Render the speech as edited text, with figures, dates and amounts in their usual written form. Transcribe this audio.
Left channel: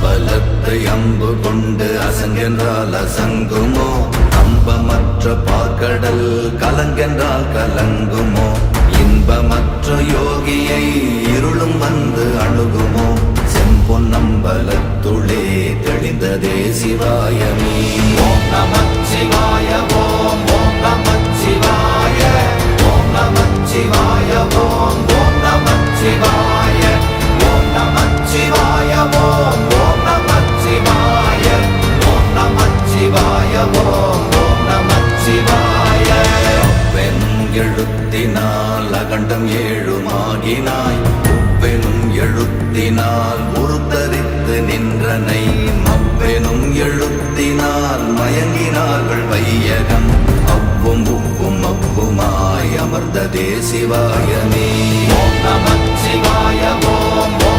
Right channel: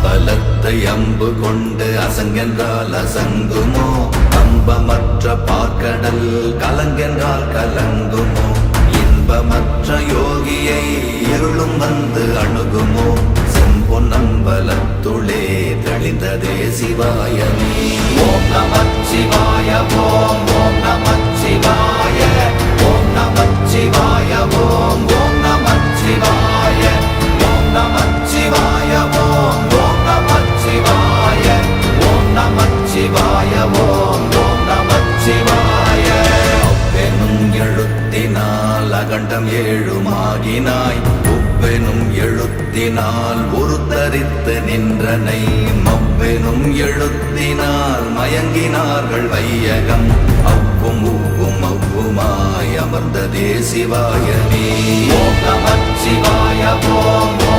அம்பலத்தை அம்பு கொண்டு அசங்கென்றால் அசங்குமோ கம்பமற்ற பார்க்கடல் கலங்கென்றால் கலங்குமோ இன்பமற்ற யோகியை இருளும் வந்து அணுகுமோ செம்பொன்னம்பலத்துளே தெளிந்ததே சிவாயமே. ஓம் நமச்சிவாய ஓம் ஓம் நமச்சிவாய ஓம் நமச்சிவாய ஓம் ஓம் நமச்சிவாய ஓம் நமச்சிவாய ஓம் ஓம் நமச்சிவாய ஓம் நமச்சிவாய ஓம் ஓம் நமச்சிவாய. அவ்வெனும் எழுத்தினால் அகண்டம் ஏழுமாகினாய் உவ்வெனும் எழுத்தினால் உருத்தரித்து நின்றனை மவ்வெனும் எழுத்தினால் மயங்கினார்கள் வையகம் அவ்வும் உவ்வும் அவ்வுமாய் அமர்ந்ததே சிவாயமே. ஓம் நமச்சிவாய ஓம்